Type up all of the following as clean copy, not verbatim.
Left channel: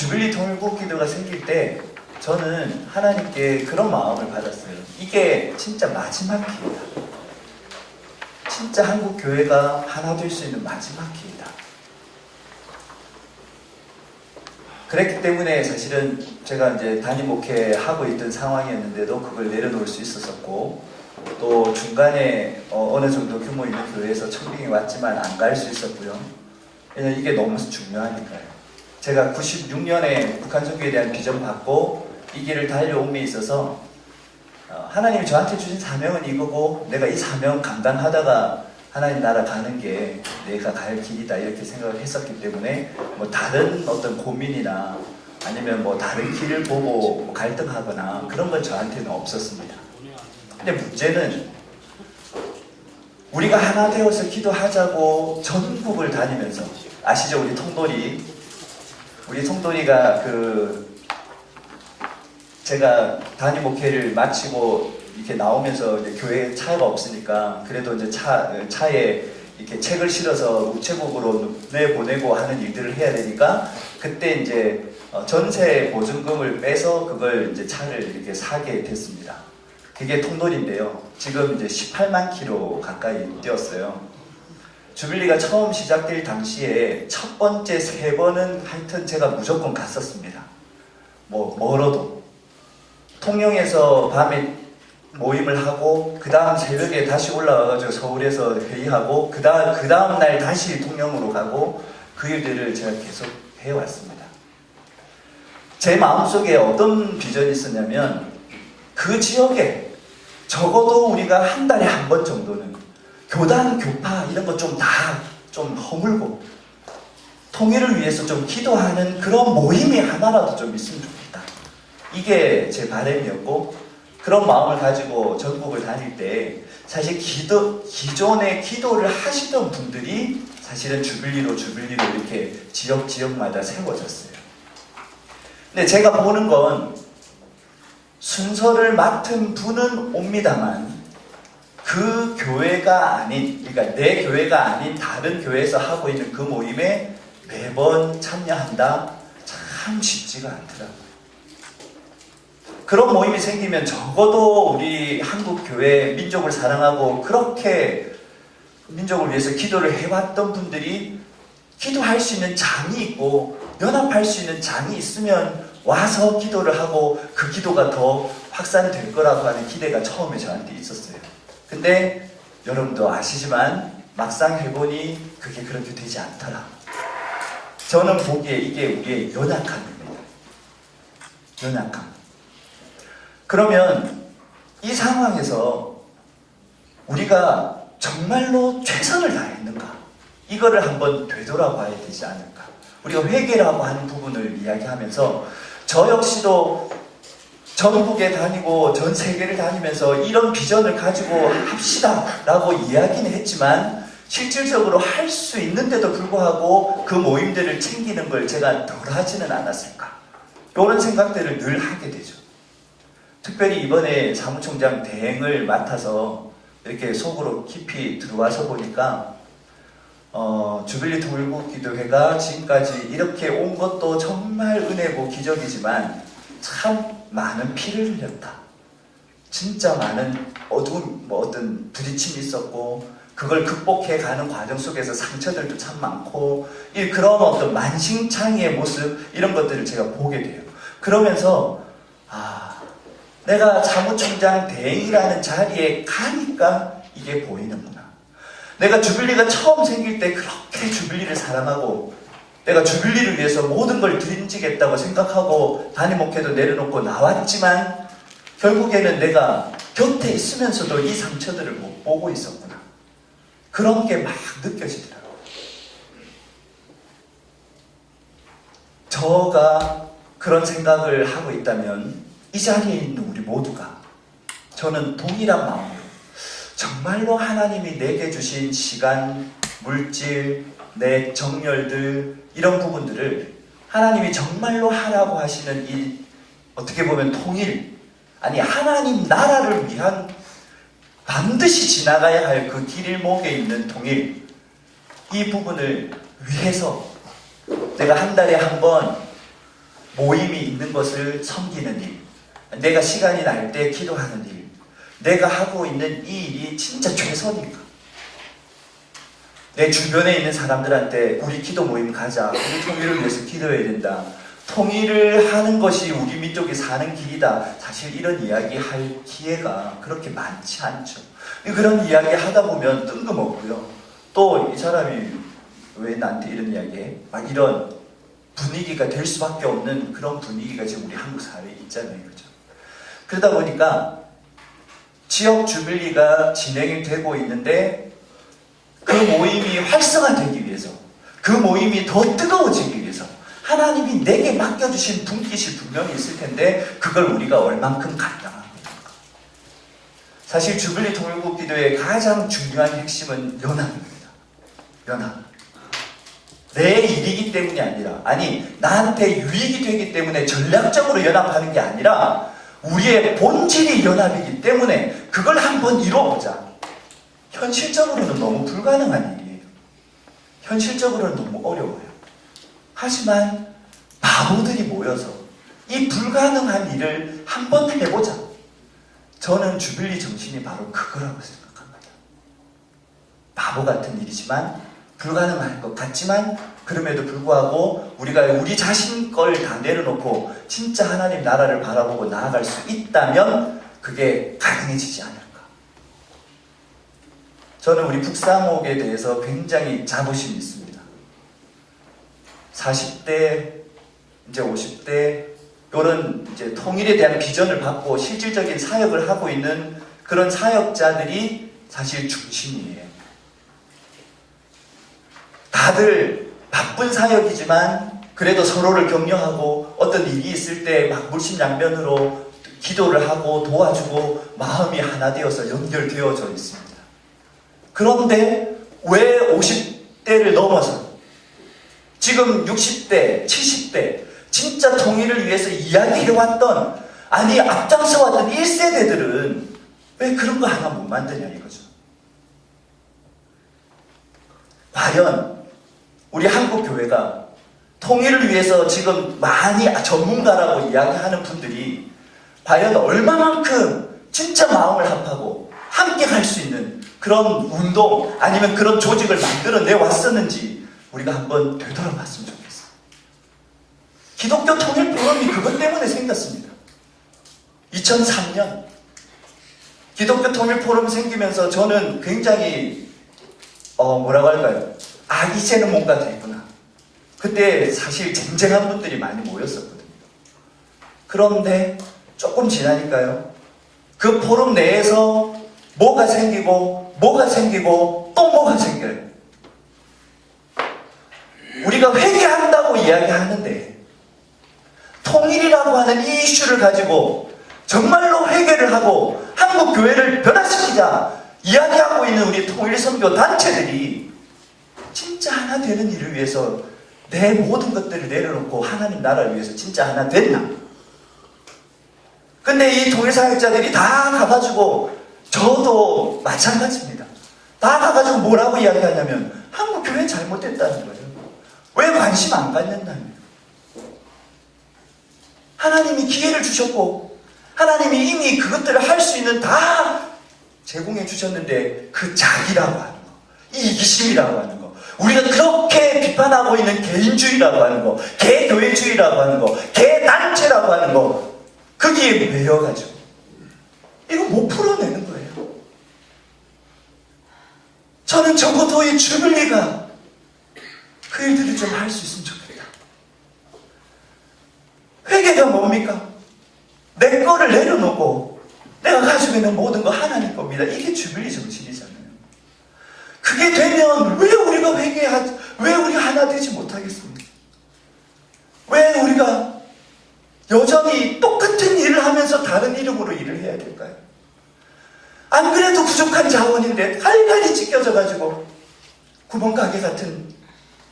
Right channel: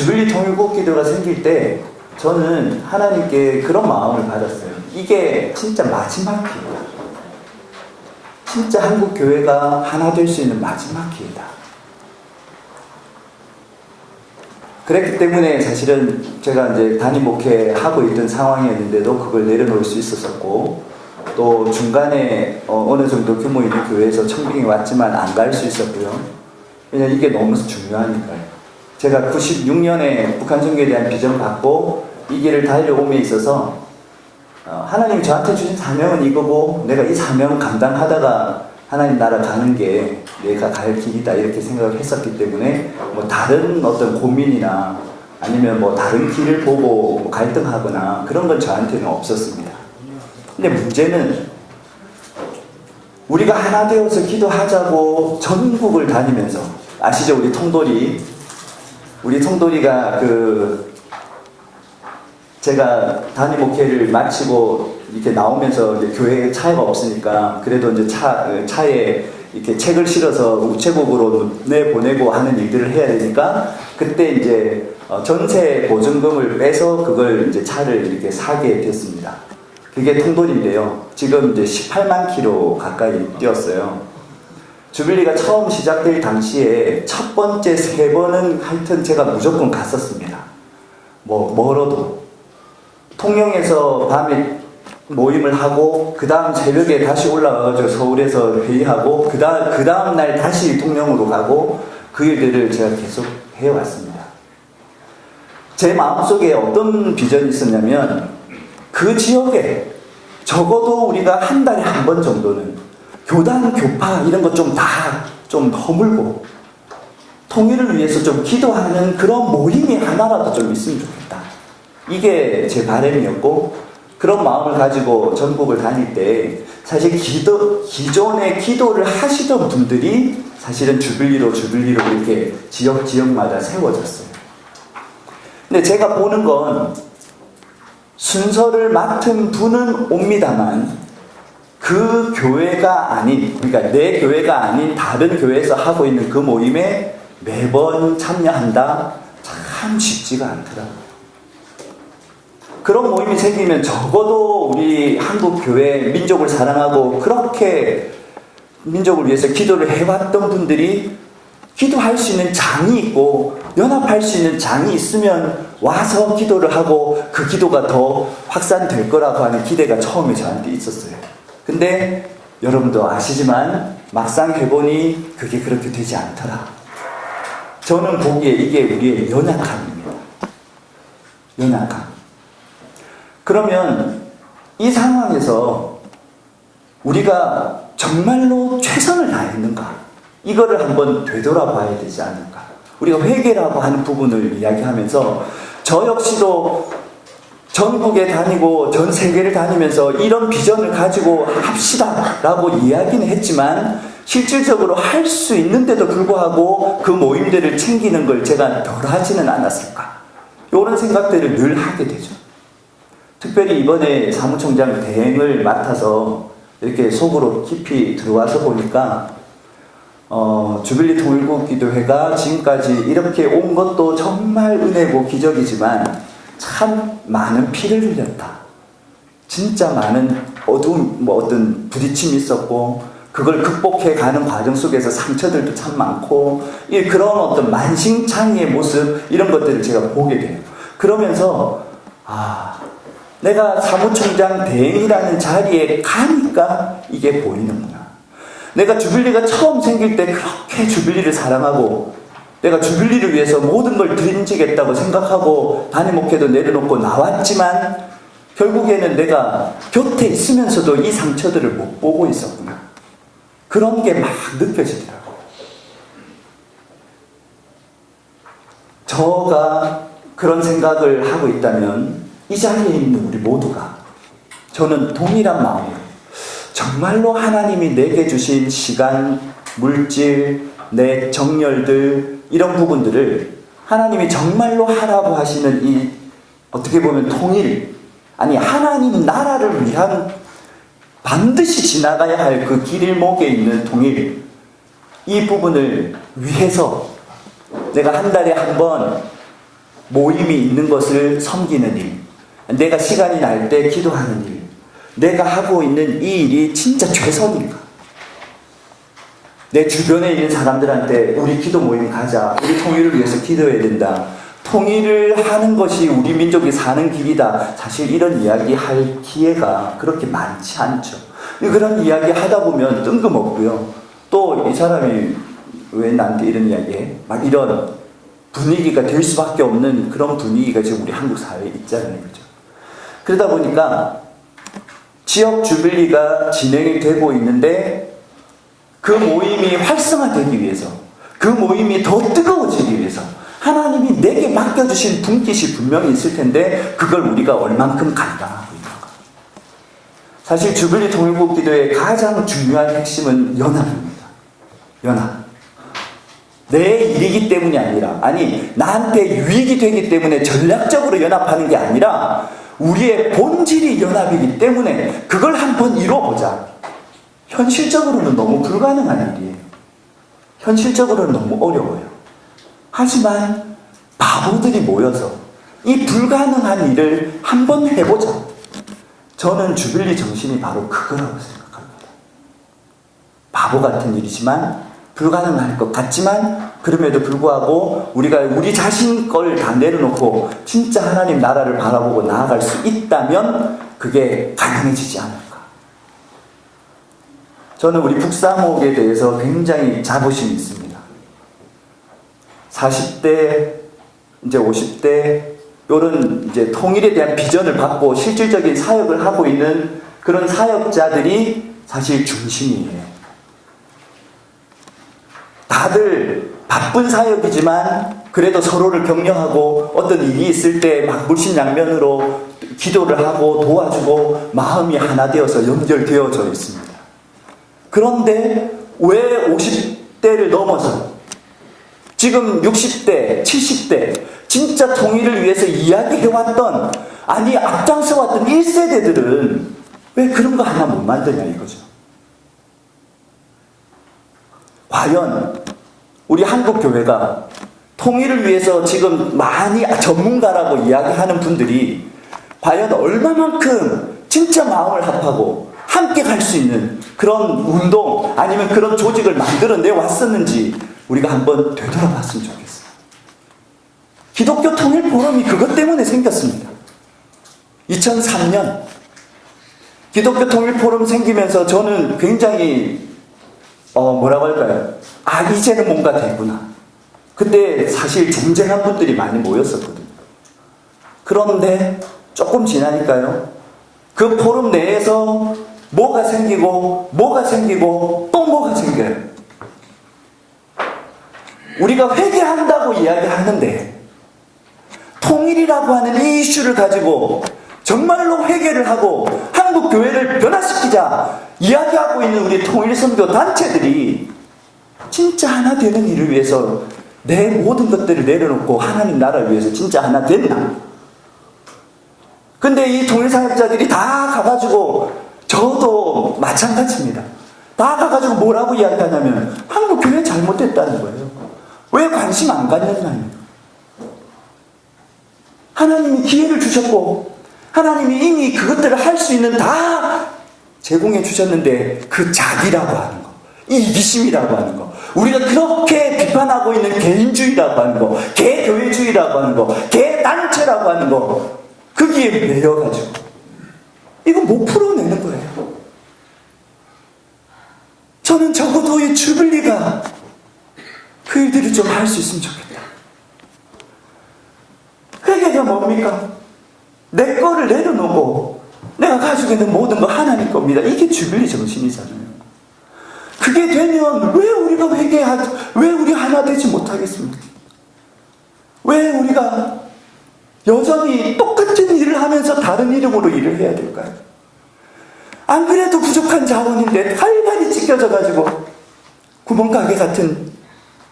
주빌리 통일국 기도가 생길 때 저는 하나님께 그런 마음을 받았어요. 이게 진짜 마지막 기회다. 진짜 한국 교회가 하나 될 수 있는 마지막 기회다. 그랬기 때문에 사실은 제가 이제 단임 목회 하고 있던 상황이었는데도 그걸 내려놓을 수 있었었고, 또 중간에 어느 정도 규모 있는 교회에서 청빙이 왔지만 안 갈 수 있었고요. 왜냐면 이게 너무 중요하니까요. 제가 96년에 북한 선교에 대한 비전 받고 이 길을 달려옴에 있어서 하나님 저한테 주신 사명은 이거고 내가 이 사명 감당하다가 하나님 나라 가는 게 내가 갈 길이다 이렇게 생각을 했었기 때문에 뭐 다른 어떤 고민이나 아니면 뭐 다른 길을 보고 갈등하거나 그런 건 저한테는 없었습니다. 근데 문제는 우리가 하나 되어서 기도하자고 전국을 다니면서, 아시죠? 우리 통돌이가 제가 단임 목회를 마치고 이렇게 나오면서 이제 교회에 차가 없으니까 그래도 이제 차에 이렇게 책을 실어서 우체국으로 내보내고 하는 일들을 해야 되니까 그때 이제 전세 보증금을 빼서 그걸 이제 차를 이렇게 사게 됐습니다. 그게 통돌인데요. 지금 이제 18만 킬로 가까이 뛰었어요. 주빌리가 처음 시작될 당시에 첫 번째 3번은 하여튼 제가 무조건 갔었습니다. 멀어도. 통영에서 밤에 모임을 하고, 그 다음 새벽에 다시 올라가서 서울에서 회의하고, 그 다음 날 다시 통영으로 가고, 그 일들을 제가 계속 해왔습니다. 제 마음속에 어떤 비전이 있었냐면, 그 지역에 적어도 우리가 한 달에 한 번 정도는 교단, 교파 이런 거 좀 다 좀 허물고 통일을 위해서 좀 기도하는 그런 모임이 하나라도 좀 있으면 좋겠다. 이게 제 바람이었고, 그런 마음을 가지고 전국을 다닐 때 사실 기존에 기도를 하시던 분들이 사실은 주빌리로 이렇게 지역마다 세워졌어요. 근데 제가 보는 건 순서를 맡은 분은 옵니다만 그 교회가 아닌, 그러니까 내 교회가 아닌 다른 교회에서 하고 있는 그 모임에 매번 참여한다? 참 쉽지가 않더라고요. 그런 모임이 생기면 적어도 우리 한국 교회 민족을 사랑하고 그렇게 민족을 위해서 기도를 해왔던 분들이 기도할 수 있는 장이 있고 연합할 수 있는 장이 있으면 와서 기도를 하고 그 기도가 더 확산될 거라고 하는 기대가 처음에 저한테 있었어요. 근데 여러분도 아시지만 막상 해보니 그게 그렇게 되지 않더라. 저는 보기에 이게 우리의 연약함입니다. 연약함. 그러면 이 상황에서 우리가 정말로 최선을 다했는가? 이거를 한번 되돌아봐야 되지 않을까? 우리가 회개라고 하는 부분을 이야기하면서 저 역시도 전국에 다니고 전 세계를 다니면서 이런 비전을 가지고 합시다 라고 이야기는 했지만 실질적으로 할 수 있는데도 불구하고 그 모임들을 챙기는 걸 제가 덜 하지는 않았을까? 이런 생각들을 늘 하게 되죠. 특별히 이번에 사무총장 대행을 맡아서 이렇게 속으로 깊이 들어와서 보니까 주빌리 통일국 기도회가 지금까지 이렇게 온 것도 정말 은혜고 기적이지만 참 많은 피를 흘렸다. 진짜 많은 어떤 부딪힘이 있었고 그걸 극복해 가는 과정 속에서 상처들도 참 많고 그런 어떤 만신창이의 모습 이런 것들을 제가 보게 돼요. 그러면서 내가 사무총장 대행이라는 자리에 가니까 이게 보이는구나. 내가 주빌리가 처음 생길 때 그렇게 주빌리를 사랑하고 내가 주빌리를 위해서 모든 걸 드림지겠다고 생각하고 단임 목회도 내려놓고 나왔지만 결국에는 내가 곁에 있으면서도 이 상처들을 못 보고 있었구나. 그런 게 막 느껴지더라고요. 저가 그런 생각을 하고 있다면 이 자리에 있는 우리 모두가 저는 동일한 마음으로 정말로 하나님이 내게 주신 시간, 물질, 내 정열들 이런 부분들을 하나님이 정말로 하라고 하시는 이 어떻게 보면 통일, 아니 하나님 나라를 위한 반드시 지나가야 할 그 길목에 있는 통일, 이 부분을 위해서 내가 한 달에 한 번 모임이 있는 것을 섬기는 일, 내가 시간이 날 때 기도하는 일, 내가 하고 있는 이 일이 진짜 최선인가? 내 주변에 있는 사람들한테 우리 기도 모임 가자, 우리 통일을 위해서 기도해야 된다, 통일을 하는 것이 우리 민족이 사는 길이다, 사실 이런 이야기 할 기회가 그렇게 많지 않죠. 그런 이야기 하다 보면 뜬금없고요. 또 이 사람이 왜 나한테 이런 이야기 해? 막 이런 분위기가 될 수밖에 없는 그런 분위기가 지금 우리 한국 사회에 있잖아요. 그죠? 그러다 보니까 지역 주빌리가 진행이 되고 있는데 그 모임이 활성화되기 위해서, 그 모임이 더 뜨거워지기 위해서 하나님이 내게 맡겨주신 분깃이 분명히 있을 텐데 그걸 우리가 얼만큼 감당하고 있는가. 사실 주빌리 통일국 기도의 가장 중요한 핵심은 연합입니다. 연합. 내 일이기 때문이 아니라, 아니 나한테 유익이 되기 때문에 전략적으로 연합하는 게 아니라 우리의 본질이 연합이기 때문에 그걸 한번 이뤄보자. 현실적으로는 너무 불가능한 일이에요. 현실적으로는 너무 어려워요. 하지만 바보들이 모여서 이 불가능한 일을 한번 해보자. 저는 주빌리 정신이 바로 그거라고 생각합니다. 바보 같은 일이지만, 불가능할 것 같지만, 그럼에도 불구하고 우리가 우리 자신 걸 다 내려놓고 진짜 하나님 나라를 바라보고 나아갈 수 있다면 그게 가능해지지 않을까. 저는 우리 북사목에 대해서 굉장히 자부심이 있습니다. 40대, 이제 50대, 이런 이제 통일에 대한 비전을 받고 실질적인 사역을 하고 있는 그런 사역자들이 사실 중심이에요. 다들 바쁜 사역이지만 그래도 서로를 격려하고 어떤 일이 있을 때 막 물심양면으로 기도를 하고 도와주고 마음이 하나 되어서 연결되어져 있습니다. 그런데 왜 50대를 넘어서 지금 60대, 70대 진짜 통일을 위해서 이야기해왔던, 아니 앞장서왔던 1세대들은 왜 그런 거 하나 못 만드냐 이거죠. 과연 우리 한국 교회가 통일을 위해서 지금 많이 전문가라고 이야기하는 분들이 과연 얼마만큼 진짜 마음을 합하고 함께 갈 수 있는 그런 운동 아니면 그런 조직을 만들어내 왔었는지 우리가 한번 되돌아봤으면 좋겠어요. 기독교 통일 포럼이 그것 때문에 생겼습니다. 2003년 기독교 통일 포럼 생기면서 저는 굉장히 뭐라고 할까요? 아, 이제는 뭔가 되구나. 근데 사실 쟁쟁한 분들이 많이 모였었거든요. 그런데 조금 지나니까요, 그 포럼 내에서 뭐가 생기고 또 뭐가 생겨요. 우리가 회개한다고 이야기하는데 통일이라고 하는 이 이슈를 가지고 정말로 회개를 하고 한국 교회를 변화시키자 이야기하고 있는 우리 통일선교 단체들이 진짜 하나 되는 일을 위해서 내 모든 것들을 내려놓고 하나님 나라를 위해서 진짜 하나 됐나? 근데 이 통일사역자들이 다 가가지고, 저도 마찬가지입니다. 다 가가지고 뭐라고 이야기하냐면 한국 교회 잘못됐다는 거예요. 왜 관심 안 갖느냐면, 하나님이 기회를 주셨고 하나님이 이미 그것들을 할 수 있는 다 제공해 주셨는데 그 자기라고 하는 거, 이 이기심이라고 하는 거, 우리가 그렇게 비판하고 있는 개인주의라고 하는 거, 개교회주의라고 하는 거, 개단체라고 하는 거, 거기에 매여가지고 이거 못 풀어내는 거예요. 저는 적어도 이 주빌리가 그 일들을 좀 할 수 있으면 좋겠다. 회개가 뭡니까? 내 거를 내려놓고 내가 가지고 있는 모든 거 하나님 겁니다. 이게 주빌리 정신이잖아요. 그게 되면 왜 우리가 왜 우리 하나 되지 못하겠습니까? 왜 우리가 여전히 똑같은 일을 하면서 다른 이름으로 일을 해야 될까요? 안 그래도 부족한 자원인데 활발히 찢겨져가지고 구멍가게 같은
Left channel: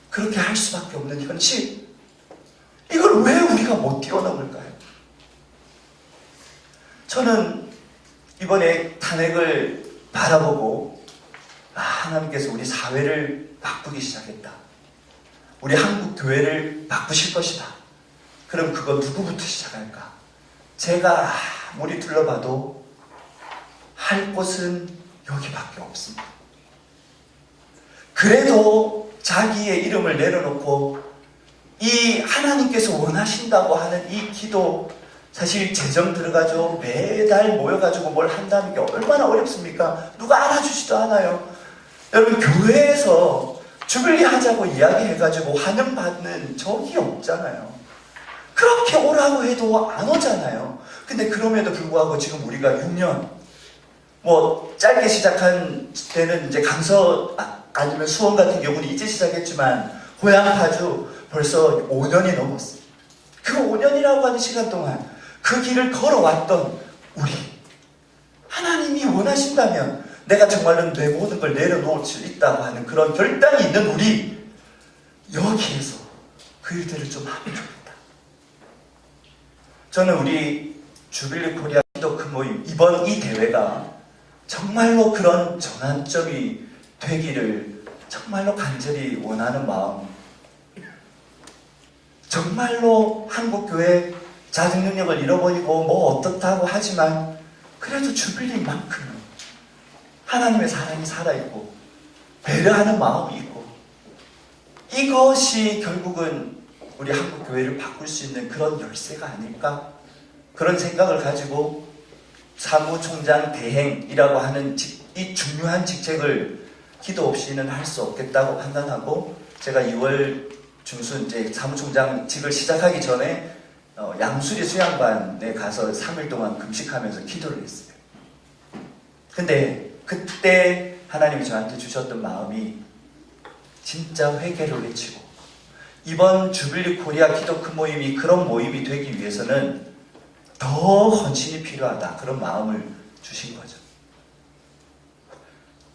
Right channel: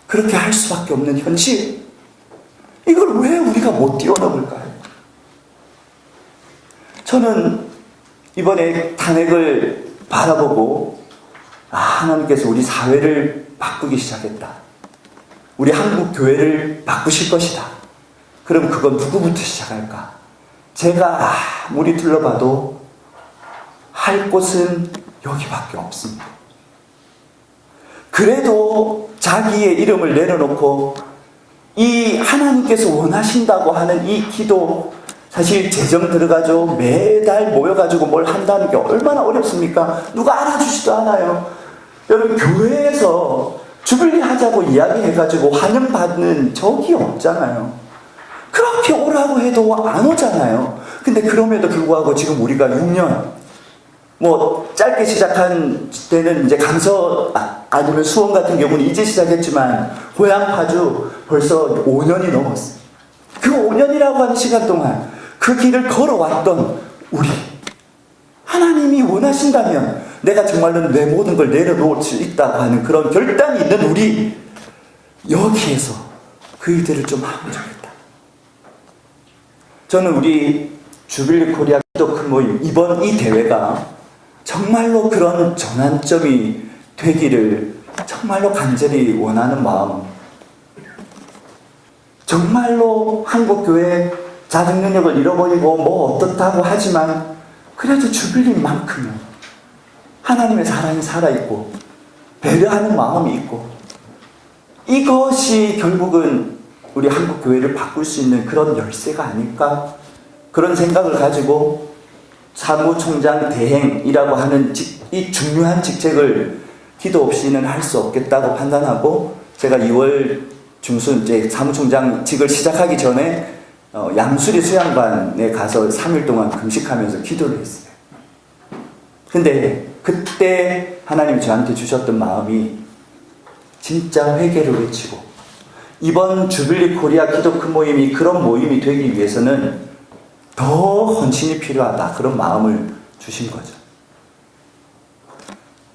그렇게 할 수밖에 없는 현실, 이걸 왜 우리가 못 뛰어넘을까요? 저는 이번에 탄핵을 바라보고 하나님께서 우리 사회를 바꾸기 시작했다. 우리 한국 교회를 바꾸실 것이다. 그럼 그거 누구부터 시작할까? 제가 아무리 둘러봐도 할 곳은 여기밖에 없습니다. 그래도 자기의 이름을 내려놓고 이 하나님께서 원하신다고 하는 이 기도, 사실 재정 들어가지고 매달 모여가지고 뭘 한다는 게 얼마나 어렵습니까? 누가 알아주지도 않아요. 여러분, 교회에서 주빌리 하자고 이야기해가지고 환영받는 적이 없잖아요. 그렇게 오라고 해도 안 오잖아요. 근데 그럼에도 불구하고 지금 우리가 6년, 뭐 짧게 시작한 때는 이제 강서 아니면 수원 같은 경우는 이제 시작했지만 고향 파주 벌써 5년이 넘었어요. 그 5년이라고 하는 시간 동안 그 길을 걸어왔던 우리, 하나님이 원하신다면 내가 정말로 내 모든 걸 내려놓을 수 있다고 하는 그런 결단이 있는 우리, 여기에서 그 일들을 좀 하면 좋겠다. 저는 우리 주빌리 코리아 기도 큰 모임, 이번 이 대회가 정말로 그런 전환점이 되기를 정말로 간절히 원하는 마음, 정말로 한국교회 자정 능력을 잃어버리고 뭐 어떻다고 하지만 그래도 주빌리만큼은 하나님의 사랑이 살아있고 배려하는 마음이 있고, 이것이 결국은 우리 한국교회를 바꿀 수 있는 그런 열쇠가 아닐까, 그런 생각을 가지고 사무총장 대행이라고 하는 이 중요한 직책을 기도 없이는 할 수 없겠다고 판단하고, 제가 2월 중순 이제 사무총장직을 시작하기 전에 양수리 수양반에 가서 3일 동안 금식하면서 기도를 했어요. 근데 그때 하나님 저한테 주셨던 마음이 진짜 회개를 외치고, 이번 주빌리 코리아 기도 큰 모임이 그런 모임이 되기 위해서는 더 헌신이 필요하다, 그런 마음을 주신 거죠.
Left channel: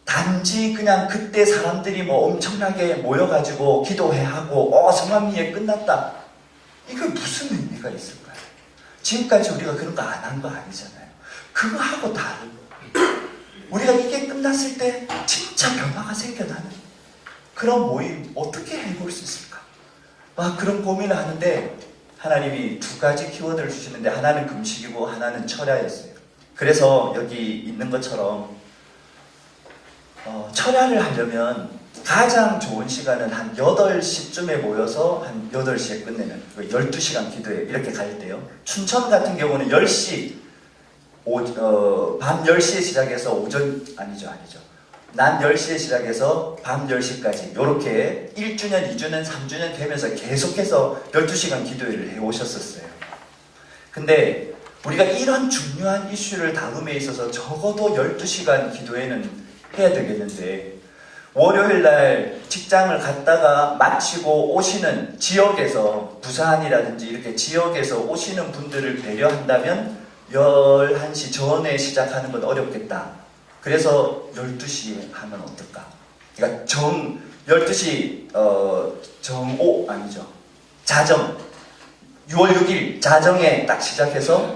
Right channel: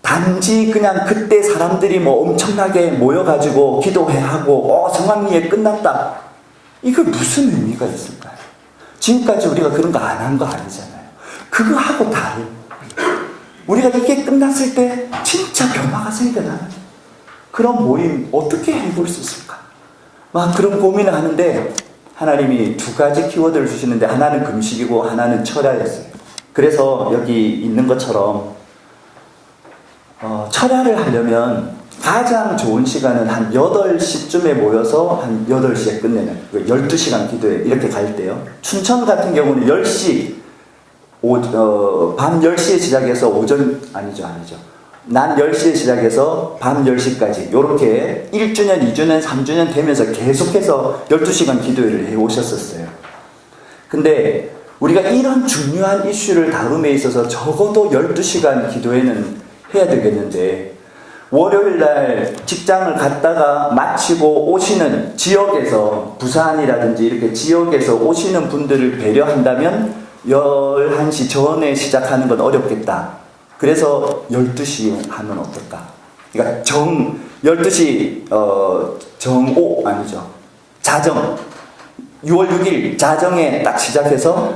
단지 그냥 그때 사람들이 뭐 엄청나게 모여가지고 기도하고 성황리에 끝났다, 이거 무슨 의미가 있을까요? 지금까지 우리가 그런 거 안 한 거 아니잖아요. 그거 하고 다른, 우리가 이게 끝났을 때 진짜 변화가 생겨나는 그런 모임 어떻게 해볼 수 있을까? 막 그런 고민을 하는데 하나님이 두 가지 키워드를 주시는데, 하나는 금식이고 하나는 철야였어요. 그래서 여기 있는 것처럼 철야를 하려면 가장 좋은 시간은 한 8시쯤에 모여서 한 8시에 끝내는 12시간 기도회 이렇게 갈 때요. 춘천 같은 경우는 10시 밤 10시에 시작해서 낮 10시에 시작해서 밤 10시까지 이렇게 1주년, 2주년, 3주년 되면서 계속해서 12시간 기도회를 해오셨었어요. 근데 우리가 이런 중요한 이슈를 다룸에 있어서 적어도 12시간 기도회는 해야 되겠는데, 월요일날 직장을 갔다가 마치고 오시는 지역에서, 부산이라든지 이렇게 지역에서 오시는 분들을 배려한다면 11시 전에 시작하는 건 어렵겠다. 그래서 12시에 하면 어떨까? 그러니까 12시, 자정, 6월 6일 자정에 딱 시작해서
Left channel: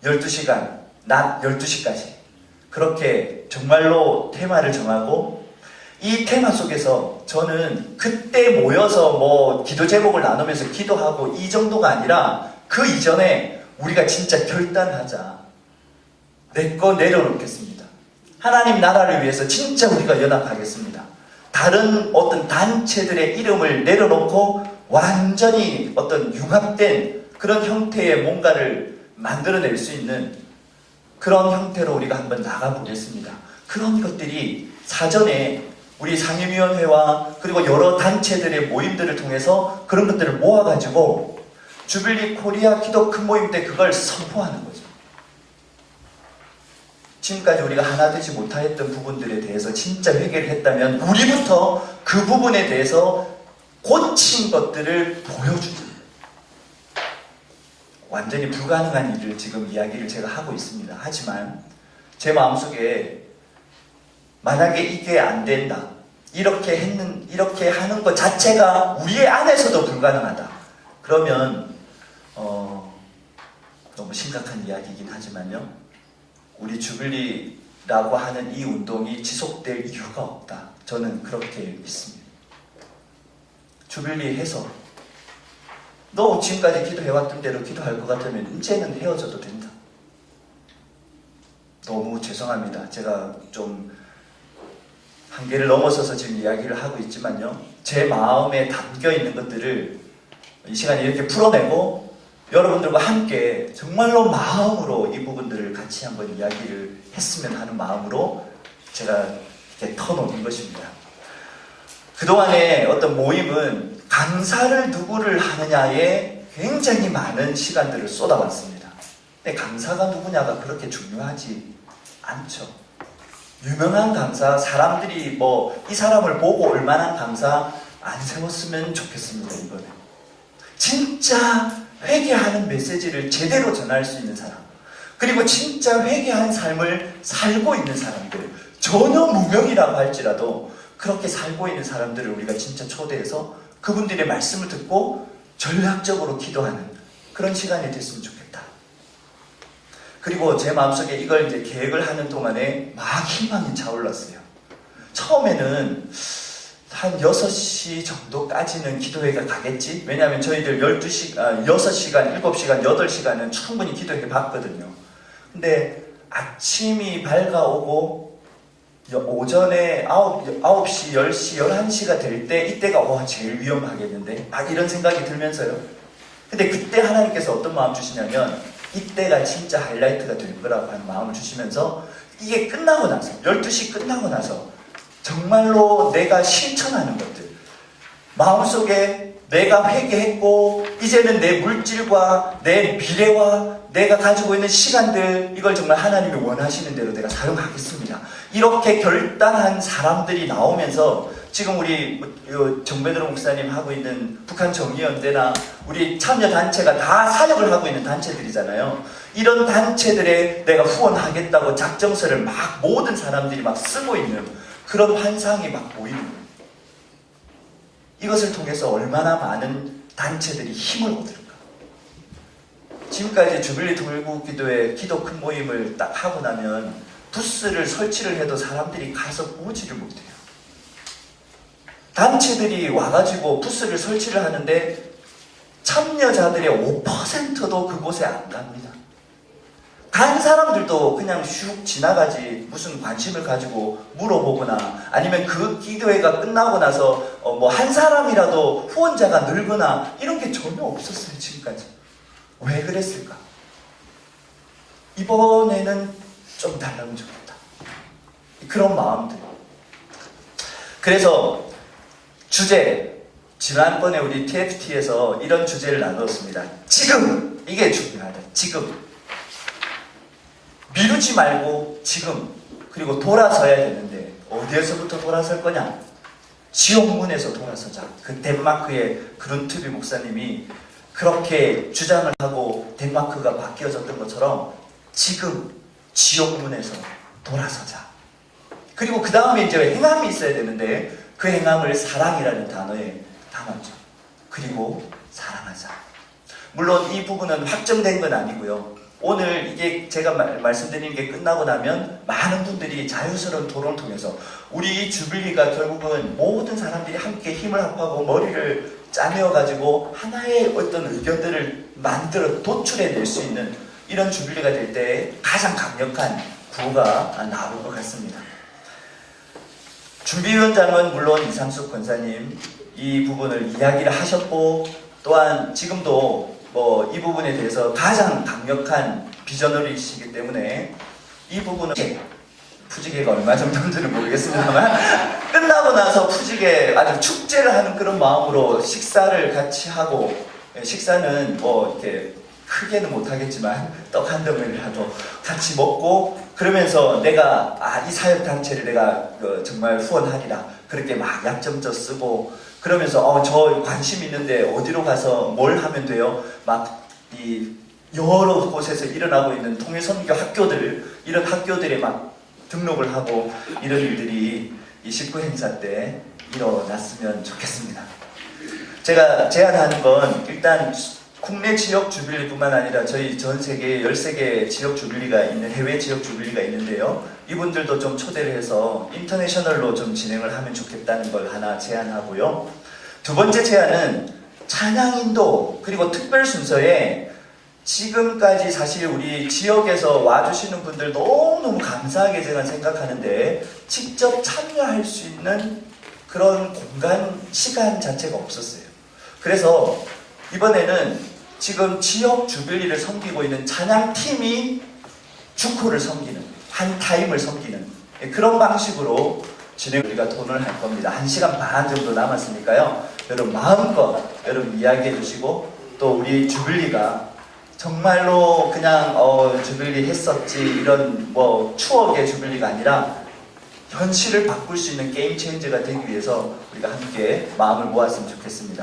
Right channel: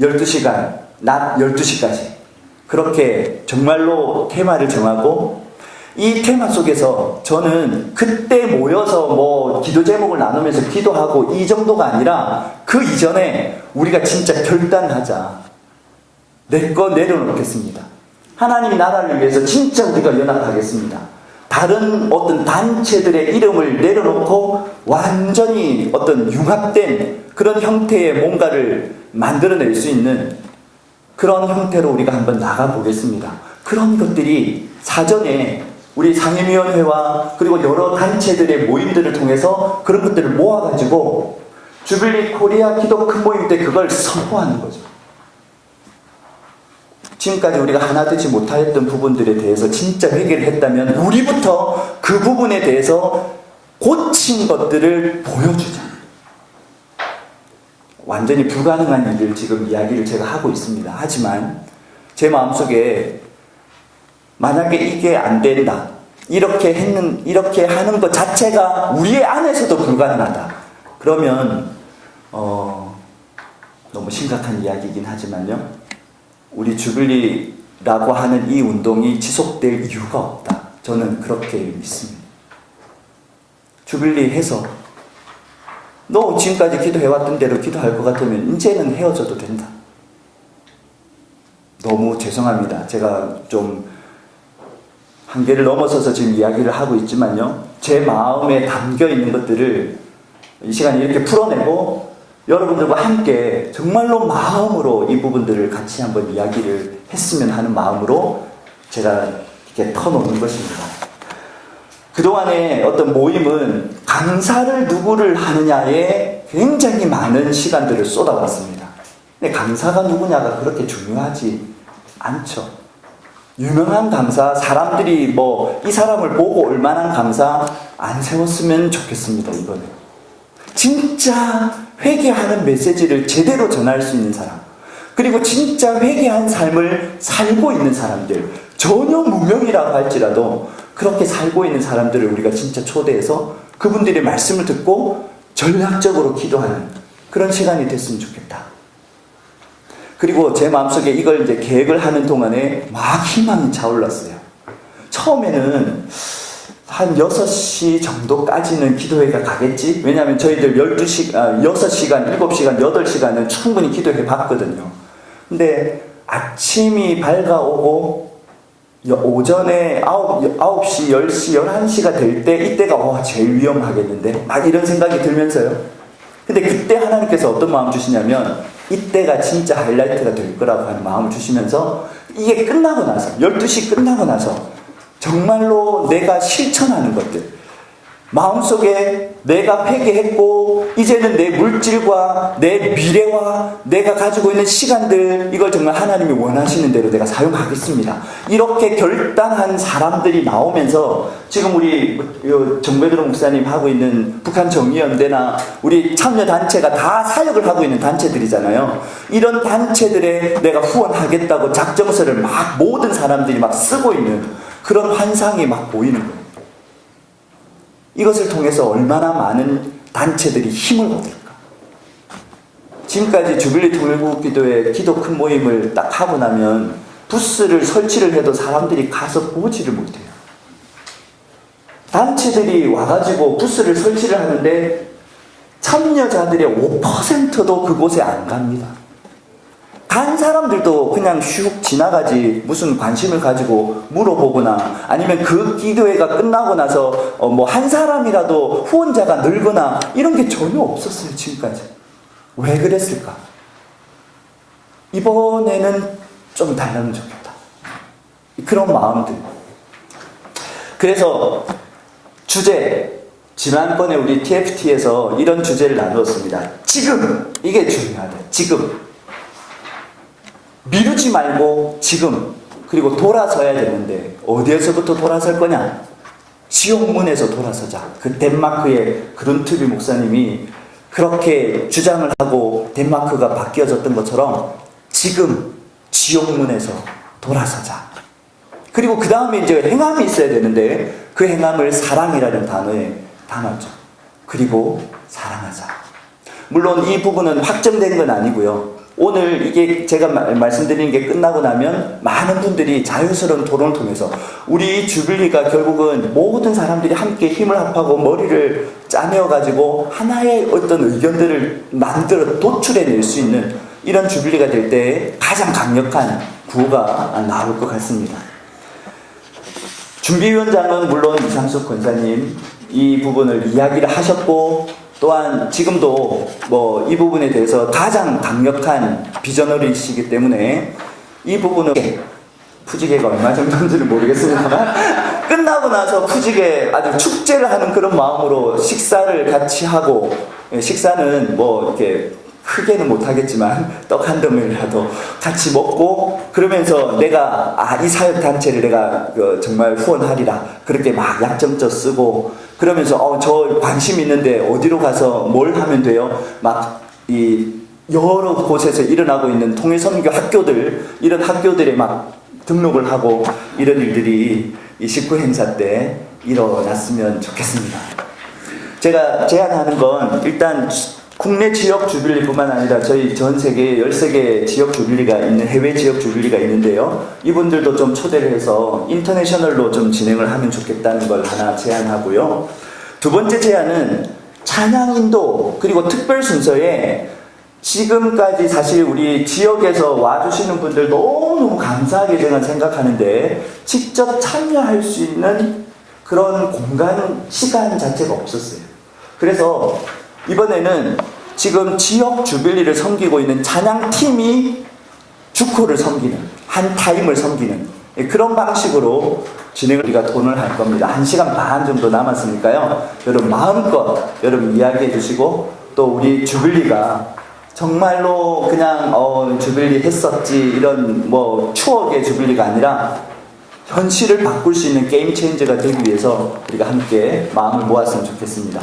12시간, 낮 12시까지. 그렇게 정말로 테마를 정하고, 이 테마 속에서 저는 그때 모여서 뭐 기도 제목을 나누면서 기도하고 이 정도가 아니라 그 이전에 우리가 진짜 결단하자. 내 거 내려놓겠습니다. 하나님 나라를 위해서 진짜 우리가 연합하겠습니다. 다른 어떤 단체들의 이름을 내려놓고 완전히 어떤 융합된 그런 형태의 뭔가를 만들어낼 수 있는 그런 형태로 우리가 한번 나가보겠습니다. 그런 것들이 사전에 우리 상임위원회와 그리고 여러 단체들의 모임들을 통해서 그런 것들을 모아가지고 주빌리 코리아 기도 큰 모임 때 그걸 선포하는 거죠. 지금까지 우리가 하나 되지 못했던 부분들에 대해서 진짜 회개를 했다면 우리부터 그 부분에 대해서 고친 것들을 보여주자. 완전히 불가능한 일을 지금 이야기를 제가 하고 있습니다. 하지만 제 마음속에 만약에 이게 안 된다, 이렇게 하는 것 자체가 우리의 안에서도 불가능하다, 그러면 너무 심각한 이야기이긴 하지만요, 우리 주빌리라고 하는 이 운동이 지속될 이유가 없다. 저는 그렇게 믿습니다. 주빌리 해서 너 지금까지 기도해왔던 대로 기도할 것 같으면 이제는 헤어져도 된다. 너무 죄송합니다. 제가 좀 한계를 넘어서서 지금 이야기를 하고 있지만요, 제 마음에 담겨 있는 것들을 이 시간에 이렇게 풀어내고 여러분들과 함께 정말로 마음으로 이 부분들을 같이 한번 이야기를 했으면 하는 마음으로 제가 이렇게 터놓는 것입니다. 그동안의 어떤 모임은 강사를 누구를 하느냐에 굉장히 많은 시간들을 쏟아봤습니다. 근데 강사가 누구냐가 그렇게 중요하지 않죠. 유명한 강사, 사람들이 뭐 이 사람을 보고 올만한 강사 안 세웠으면 좋겠습니다. 이번에 진짜 회개하는 메시지를 제대로 전할 수 있는 사람, 그리고 진짜 회개한 삶을 살고 있는 사람들, 전혀 무명이라고 할지라도 그렇게 살고 있는 사람들을 우리가 진짜 초대해서 그분들의 말씀을 듣고 전략적으로 기도하는 그런 시간이 됐으면 좋겠다. 그리고 제 마음속에 이걸 이제 계획을 하는 동안에 막 희망이 차올랐어요. 처음에는 한 6시 정도까지는 기도회가 가겠지? 왜냐하면 저희들 6시간, 7시간, 8시간은 충분히 기도회 봤거든요. 근데 아침이 밝아오고 오전에 9시, 10시, 11시가 될 때 이때가 제일 위험하겠는데? 막 이런 생각이 들면서요. 근데 그때 하나님께서 어떤 마음 주시냐면 이때가 진짜 하이라이트가 될 거라고 하는 마음을 주시면서 이게 끝나고 나서 12시 끝나고 나서 정말로 내가 실천하는 것들, 마음속에 내가 회개했고 이제는 내 물질과 내 미래와 내가 가지고 있는 시간들, 이걸 정말 하나님이 원하시는 대로 내가 사용하겠습니다. 이렇게 결단한 사람들이 나오면서 지금 우리 정배드로 목사님 하고 있는 북한 정의연대나 우리 참여단체가 다 사역을 하고 있는 단체들이잖아요. 이런 단체들에 내가 후원하겠다고 작정서를 막 모든 사람들이 막 쓰고 있는 그런 환상이 막 보이는 거예요. 이것을 통해서 얼마나 많은 단체들이 힘을 얻을까. 지금까지 주빌리 통일국 기도회 기도 큰 모임을 딱 하고 나면 부스를 설치를 해도 사람들이 가서 보지를 못해요. 단체들이 와가지고 부스를 설치를 하는데 참여자들의 5%도 그곳에 안 갑니다. 다른 사람들도 그냥 슉 지나가지 무슨 관심을 가지고 물어보거나 아니면 그 기도회가 끝나고 나서 뭐 한 사람이라도 후원자가 늘거나 이런 게 전혀 없었어요. 지금까지. 왜 그랬을까? 이번에는 좀 달라면 좋겠다. 그런 마음들. 그래서 주제, 지난번에 우리 TFT에서 이런 주제를 나누었습니다. 지금! 이게 중요하다. 지금. 미루지 말고 지금, 그리고 돌아서야 되는데 어디에서부터 돌아설 거냐? 지옥문에서 돌아서자. 그 덴마크의 그룬트비 목사님이 그렇게 주장을 하고 덴마크가 바뀌어졌던 것처럼 지금 지옥문에서 돌아서자. 그리고 그 다음에 이제 행함이 있어야 되는데 그 행함을 사랑이라는 단어에 담았죠. 그리고 사랑하자. 물론 이 부분은 확정된 건 아니고요. 오늘 이게 제가 말씀드린 게 끝나고 나면 많은 분들이 자유스러운 토론을 통해서 우리 주빌리가 결국은 모든 사람들이 함께 힘을 합하고 머리를 짜내어가지고 하나의 어떤 의견들을 만들어 도출해낼 수 있는 이런 주빌리가 될 때 가장 강력한 구호가 나올 것 같습니다. 준비위원장은 물론 이상숙 권사님 이 부분을 이야기를 하셨고 또한 지금도 뭐 이 부분에 대해서 가장 강력한 비저너리시기 때문에 이 부분은 푸지개가 얼마 정도인지는 모르겠습니다만 끝나고 나서 푸지개 아주 축제를 하는 그런 마음으로 식사를 같이 하고, 식사는 뭐 이렇게 크게는 못하겠지만 떡 한 덩이라도 같이 먹고 그러면서 내가 이 사역단체를 내가 정말 후원하리라 그렇게 막 약점져 쓰고 그러면서 저 관심 있는데 어디로 가서 뭘 하면 돼요? 막 이 여러 곳에서 일어나고 있는 통일선교 학교들, 이런 학교들에 막 등록을 하고 이런 일들이 이 19 행사 때 일어났으면 좋겠습니다. 제가 제안하는 건 일단 국내 지역 주빌리뿐만 아니라 저희 전 세계 13개 지역 주빌리가 있는, 해외 지역 주빌리가 있는데요. 이분들도 좀 초대를 해서 인터내셔널로 좀 진행을 하면 좋겠다는 걸 하나 제안하고요. 두 번째 제안은 찬양인도 그리고 특별 순서에 지금까지 사실 우리 지역에서 와주시는 분들 너무너무 감사하게 저는 생각하는데 직접 참여할 수 있는 그런 공간, 시간 자체가 없었어요. 그래서 이번에는 지금 지역 주빌리를 섬기고 있는 찬양팀이 주코를 섬기는, 한 타임을 섬기는 그런 방식으로 우리가 돈을 할 겁니다. 1시간 반 정도 남았으니까요. 여러분 마음껏 여러분 이야기해 주시고 또 우리 주빌리가 정말로 그냥 주빌리 했었지 이런 뭐 추억의 주빌리가 아니라 현실을 바꿀 수 있는 게임 체인저가 되기 위해서 우리가 함께 마음을 모았으면 좋겠습니다.